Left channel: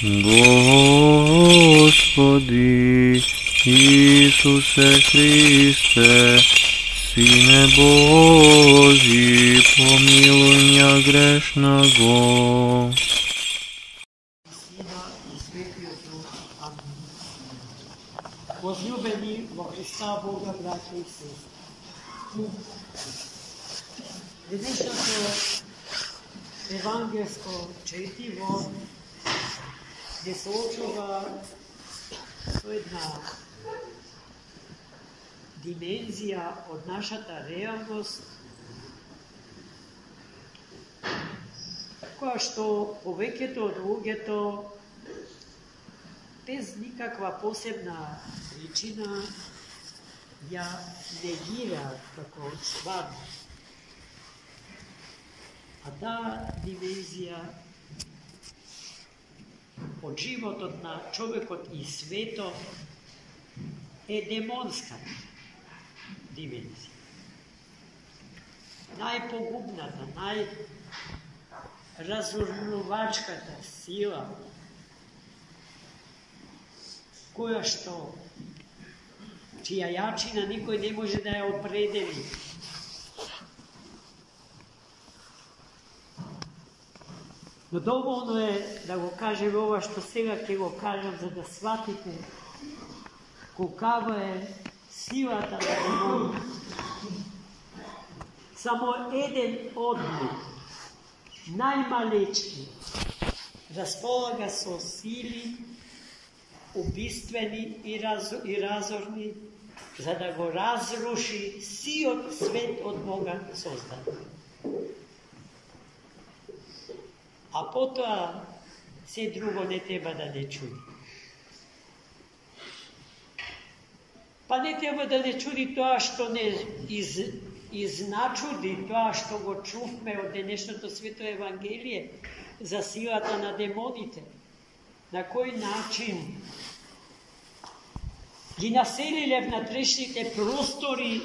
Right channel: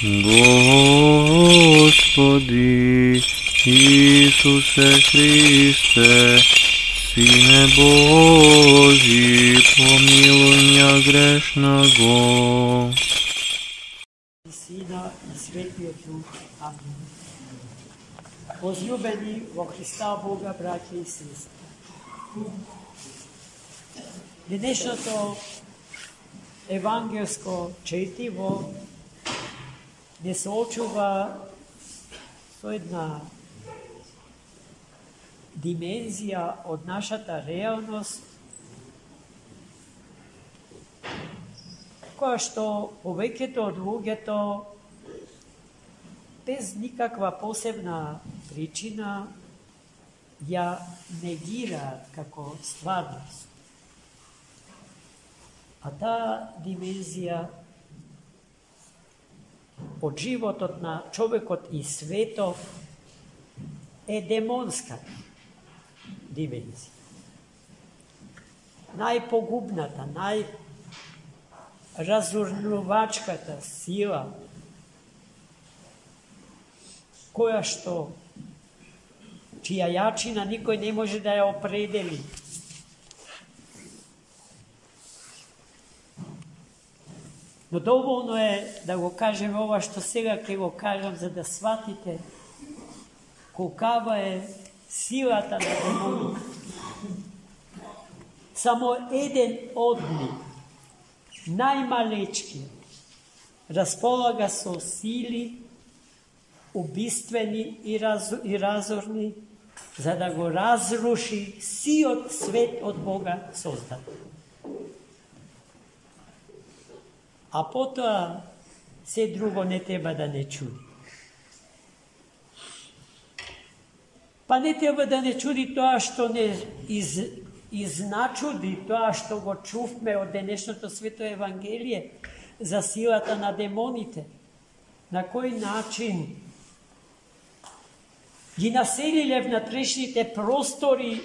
Господи Исусе Христе, Сине Божий, помилуй меня грешного. Сина и Светлиот Дух. Амин. Возлюбени во Христа Бога, братя и сестри. Денешното евангелско четиво не соочува со една димензија од нашата реалност, која што повеќето од луѓето без никаква посебна причина ја негираат како стварност. А таа димензија од животот на човекот и светот е демонска димензија. Најпогубната, разурнувачката сила, која што, чија јачина никој не може да ја определи. Но доволно е да го кажем ова што сега ќе го кажам, за да сватите колкава е силата на демонот. Само еден одлик, најмалечки, располага со сили убиствени и разорни, за да го разруши сиот свет од Бога создаден. А потоа се друго не треба да не чуди. Па не треба да не чуди тоа што не изначуди, тоа што го чувме од денешното свето Евангелие за силата на демоните. На кој начин ги населиле внатрешните простори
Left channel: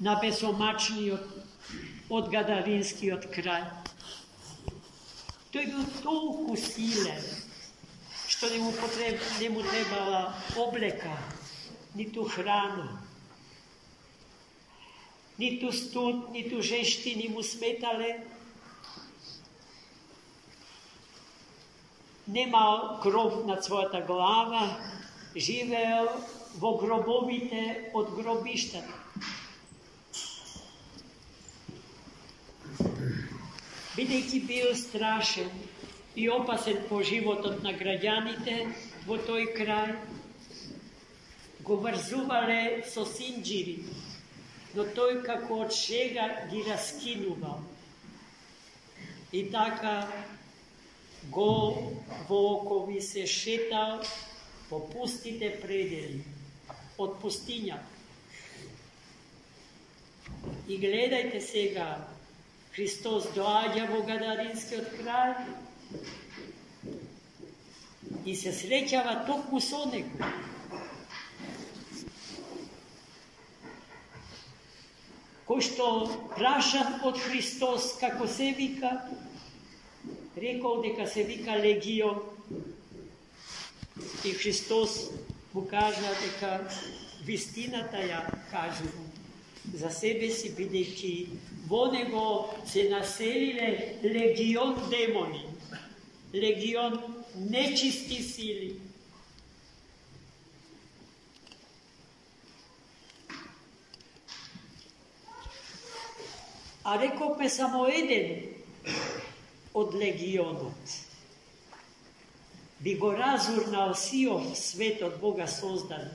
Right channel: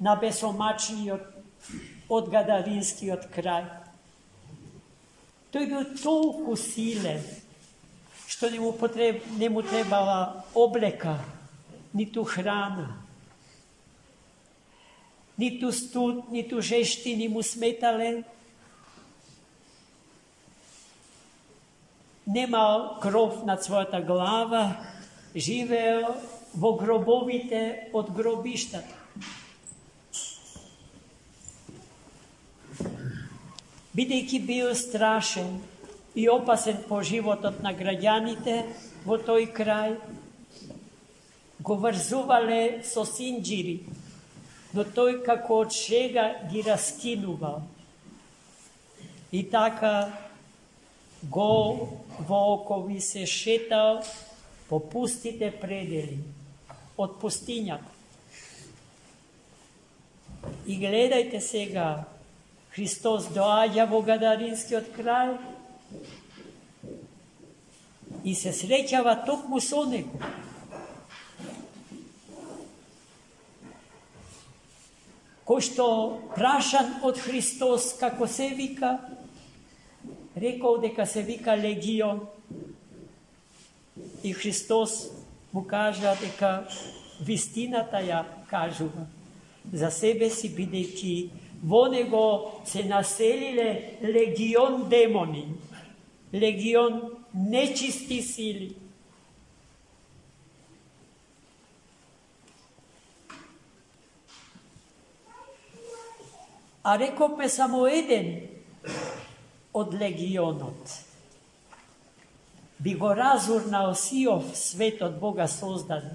на бесомачниот од Гадаринскиот крај. Тој бил толку силен, што не му требала облека, ниту храна, ниту студ, ниту жештини му сметале. Немал кров над својата глава, живеел во гробовите од гробиштата. Бидејќи бил страшен и опасен по животот на граѓаните во тој крај, го врзувале со синџири, но тој како од шега ги раскинувал. И така го во окови се шетал по пустите предели од пустињата. И гледајте сега, Христос доаѓа во Гадаринскиот крај и се среќава токму со него. Кој што прашан од Христос како се вика, рекол дека се вика Легион. И Христос му кажа дека вистината ја кажува за себе си, бидејќи во него се населиле легион демони, легион нечисти сили. А рековме само еден од легионот би го разурнал сиот свет од Бога создаден,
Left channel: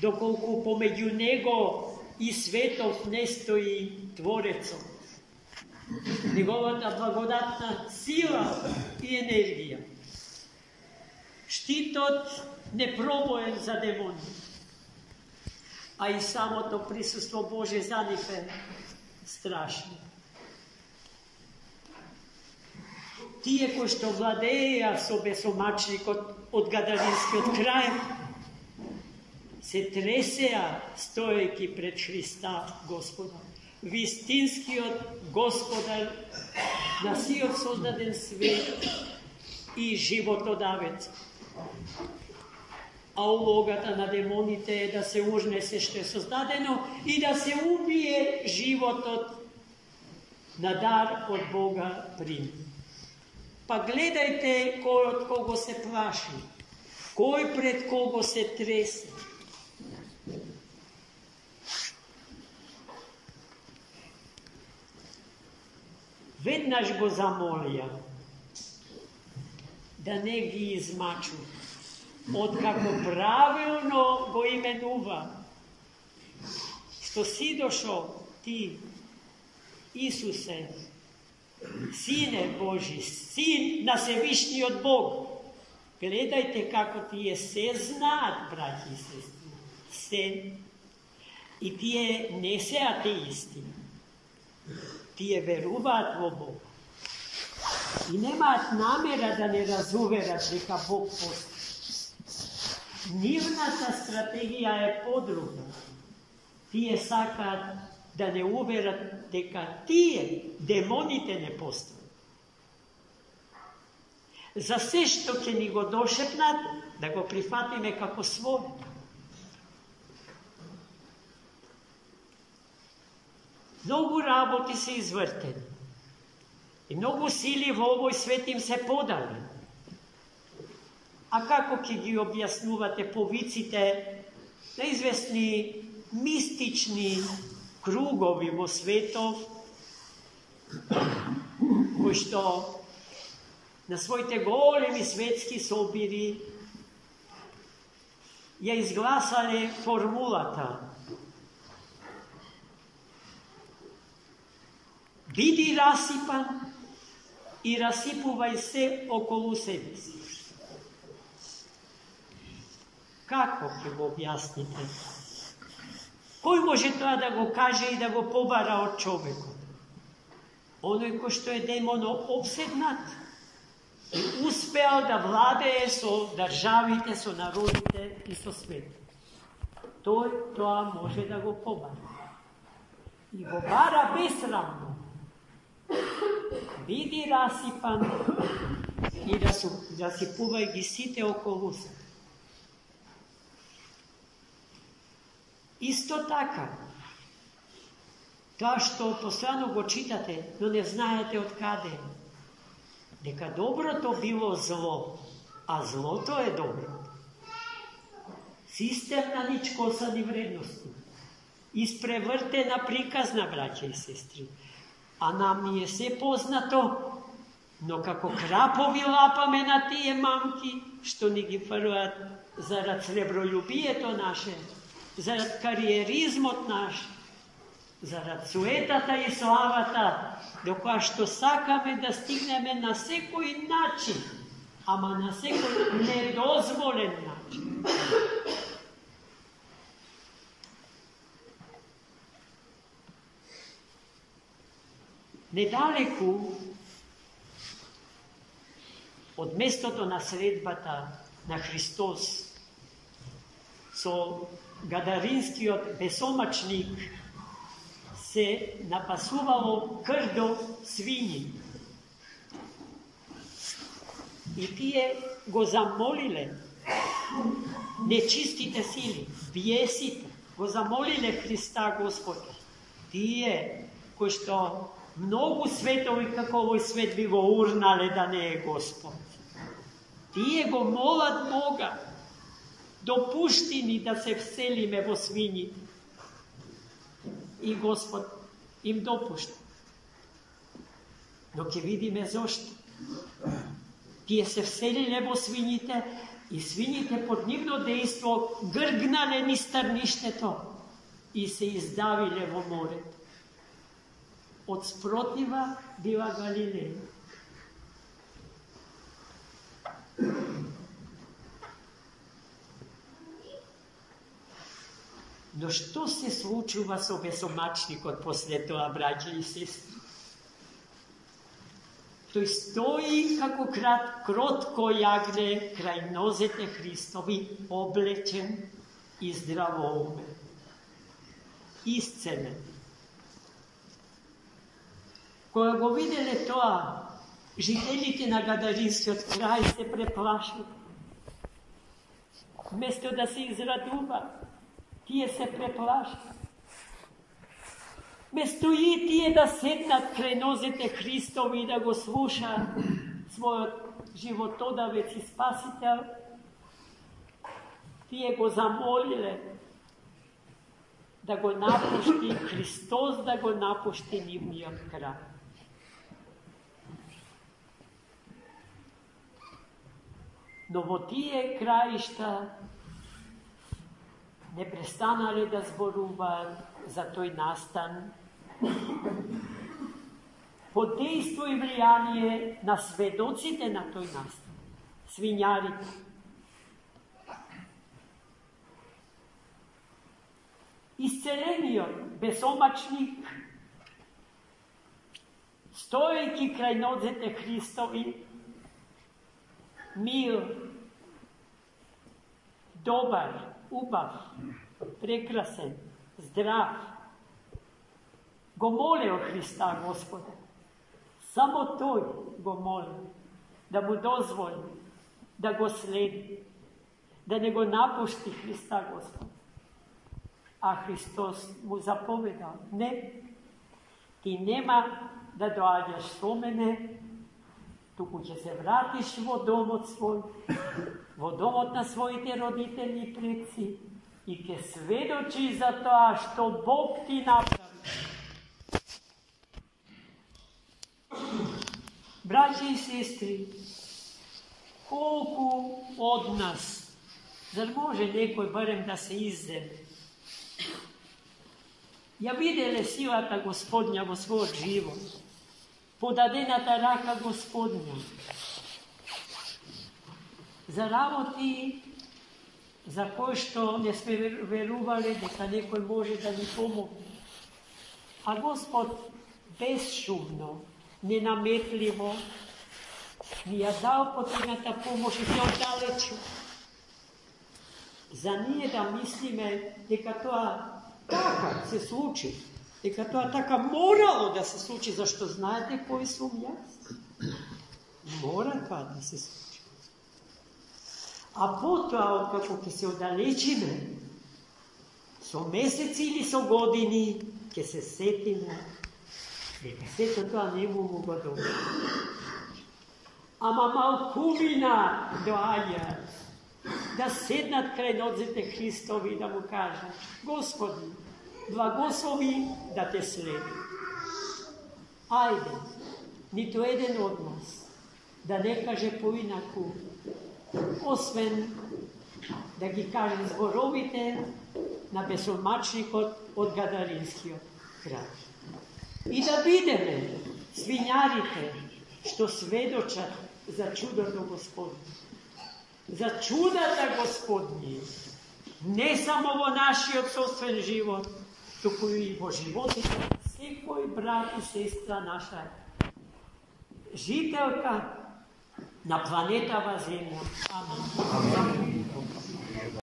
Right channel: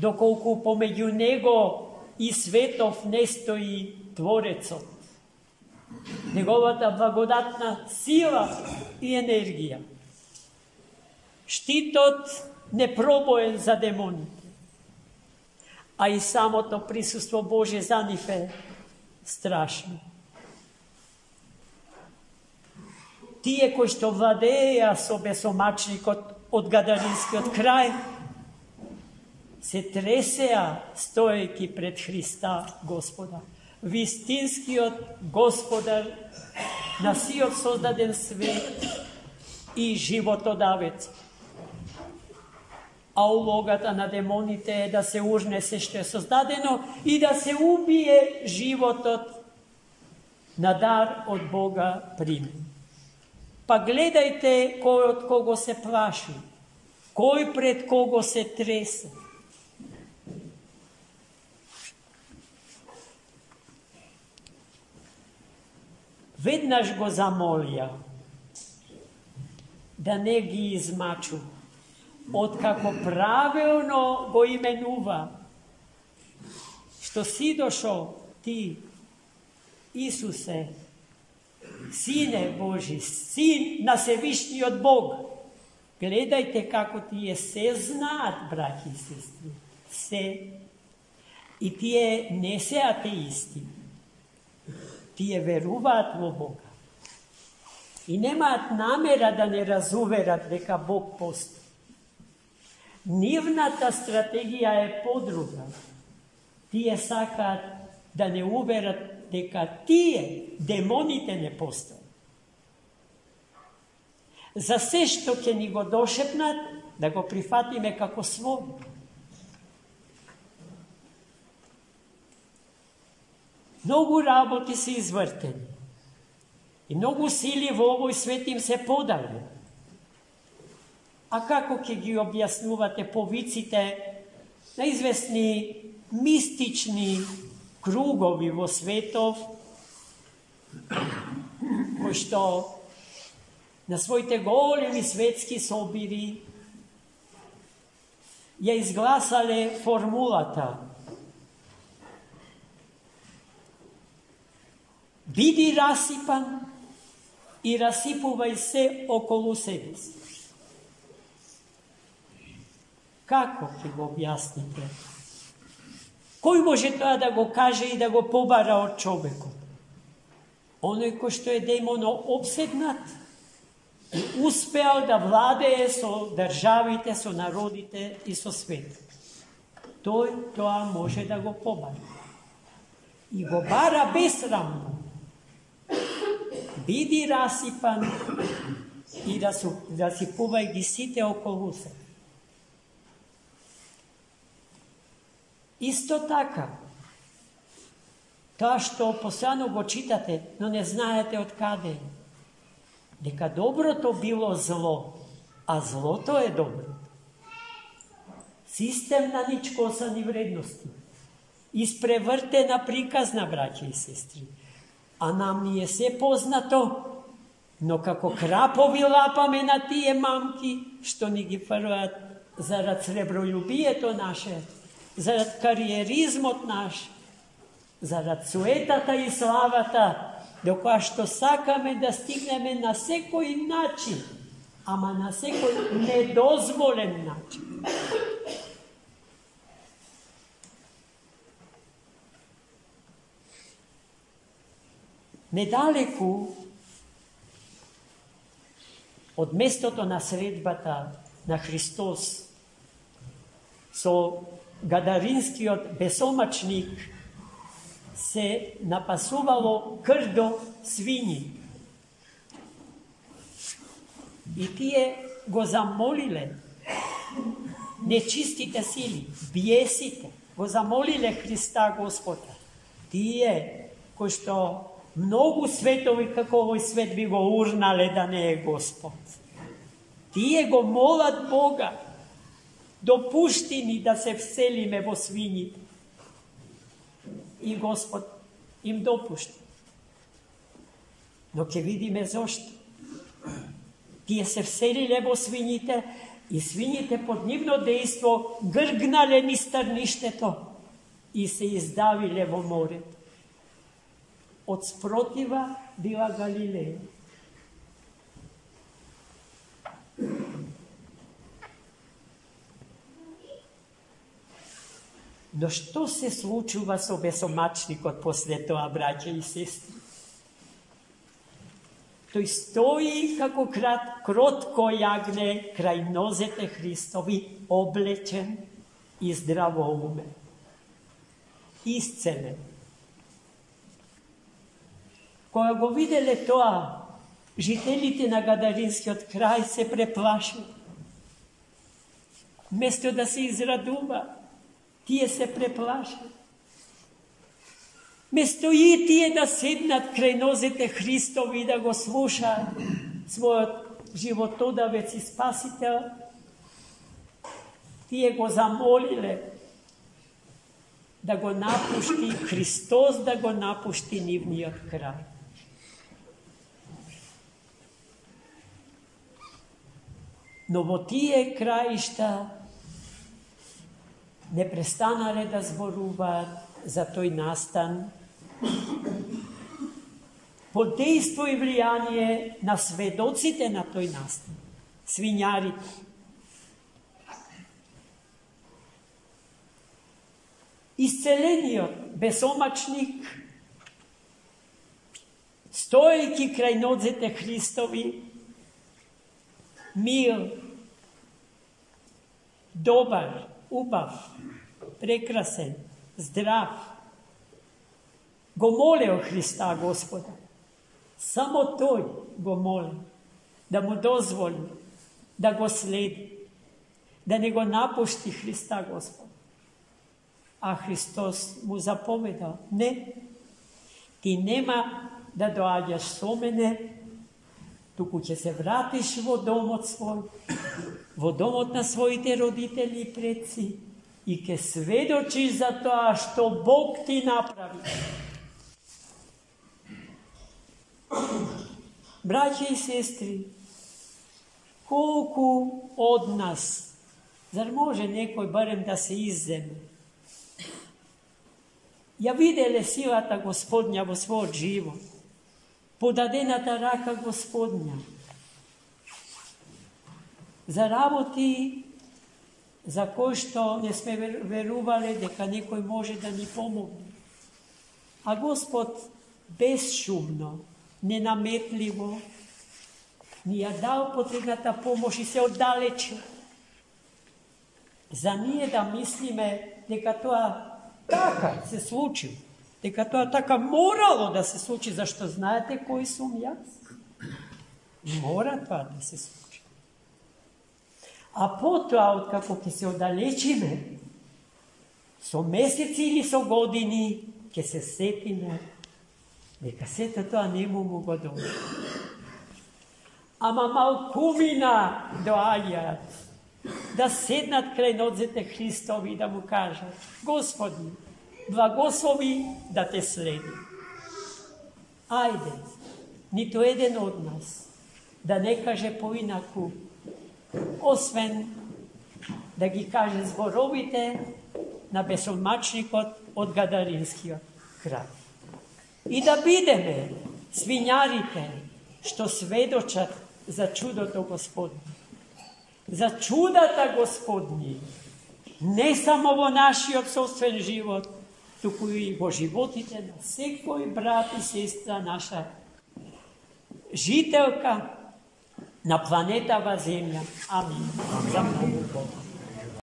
доколку помеѓу него и светов не стои Творецот, неговата благодатна сила и енергија. Штитот непробоен за демони, а и самото присуство Божие за нив е страшно. Тие кои што владеја со бесомачникот од Гадаринскиот крај, се тресеа стоејќи пред Христа Господа. Вистинскиот Господар на сиот создаден свет и животодавец. А улогата на демоните е да се ужне се што е создадено и да се убие животот на дар од Бога прими. Па гледајте кој од кого се плаши, кој пред кого се тресе. Веднаш го замолија да не ги измачу, откако правилно го именува, што си дошол ти, Исусе, Сине Божи, Син на Севишниот Бог. Гледајте како тие се знаат, браќи и сестри, се. И тие не се атеисти. Тие веруваат во Бога. И немаат намера да не разуверат дека Бог постои. Нивната стратегија е подруга. Тие сакаат да не уверат дека тие, демоните, не постои. За се што ќе ни го дошепнат, да го прифатиме како свој. Многу работи се извртени. И многу сили во овој свет им се подавлени. А како ќе ги објаснувате повиците на известни мистични кругови во светов, кои што на своите големи светски собири ја изгласале формулата: биди расипан и расипувај се околу себе си. Како ќе го објасните? Кој може тоа да го каже и да го побара од човекот? Оној кој што е демоно обседнат и успеал да владее со државите, со народите и со светот. Тој тоа може да го побара. И го бара безсрамно. Биди расипан и расипувај ги сите околу се. Исто така, тоа што постојано го читате, но не знаете од каде е, дека доброто било зло, а злото е добро. Системна ничкосани вредности, испревртена приказна, браќа и сестри. А нам ни е се познато, но како крапови лапаме на тие мамки, што ни ги фрлаат зарад среброљубието наше, зарад кариеризмот наш, зарад суетата и славата, до која што сакаме да стигнеме на секој начин, ама на секој недозволен начин. Недалеку од местото на средбата на Христос со гадаринскиот бесомачник се напасувало крдо свињи. И тие го замолиле нечистите сили, биесите, го замолиле Христа Господа. Тие кои што многу светови како овој свет би го урнале да не е Господ. Тие го молат Бога, допушти ни да се вселиме во свињите. И Господ им допушти. Но ќе видиме зошто. Тие се вселиле во свињите и свињите под нивно дејство гргнале низ трништето и се издавиле во морето. Од спротива била Галилеја. Но што се случува со бесомачникот после тоа, браќа и сестри? Тој стои како кротко јагне крај нозете Христови, облечен и здравоумен, исцелен. Кога го виделе тоа, Жителите на Гадаринскиот крај се преплашува. Вместо да се израдува, тие се преплашува. Вместо и тие да седнат крај нозете Христови и да го слушаат својот животодавец и спасител, тие го замолиле да го напушти Христос, да го напушти нивниот крај. Но во тие краишта не престанале да зборуваат за тој настан под дејство и влијание на сведоците на тој настан, свињарите. Исцелениот безомачник, стоејќи крај нозете Христови, мил, добар, убав, прекрасен, здрав, го молео Христа Господа. Само тој го моли да му дозволи да го следи, да не го напушти Христа Господа. А Христос му заповедал: не, ти нема да доаѓаш со мене, туку ќе се вратиш во домот свој, во домот на своите родители и предци и ќе сведочиш за тоа што Бог ти направи. Браќа и сестри, колку од нас, зар може некој барем да се изземе, ја виделе силата Господња во својот живот, подадената рака Господња, за работи за кои што не сме верувале дека некој може да ни помогне. А Господ безшумно, ненаметливо ни ја дал потребната помош и се оддалечи. За ние да мислиме дека тоа така се случи, дека тоа така морало да се случи, зашто знаете кој сум јас? Мора тоа да се случи. А потоа, откако ќе се оддалечиме, со месеци или со години, ќе се сетиме дека сето тоа не му го добре. Ама малкумина доаѓаат да седнат крај нозете Христови и да му кажат: Господи, благослови да те следи. Ајде, нито еден од нас да не каже поинаку, освен да ги каже зборовите на безомачникот од Гадаринскиот крај. И да бидеме свињарите што сведочат за чудото Господне, за чудата Господни, не само во нашиот собствен живот, туку и во животите на секој брат и сестра наша, жителка на планетава Земја. Амин.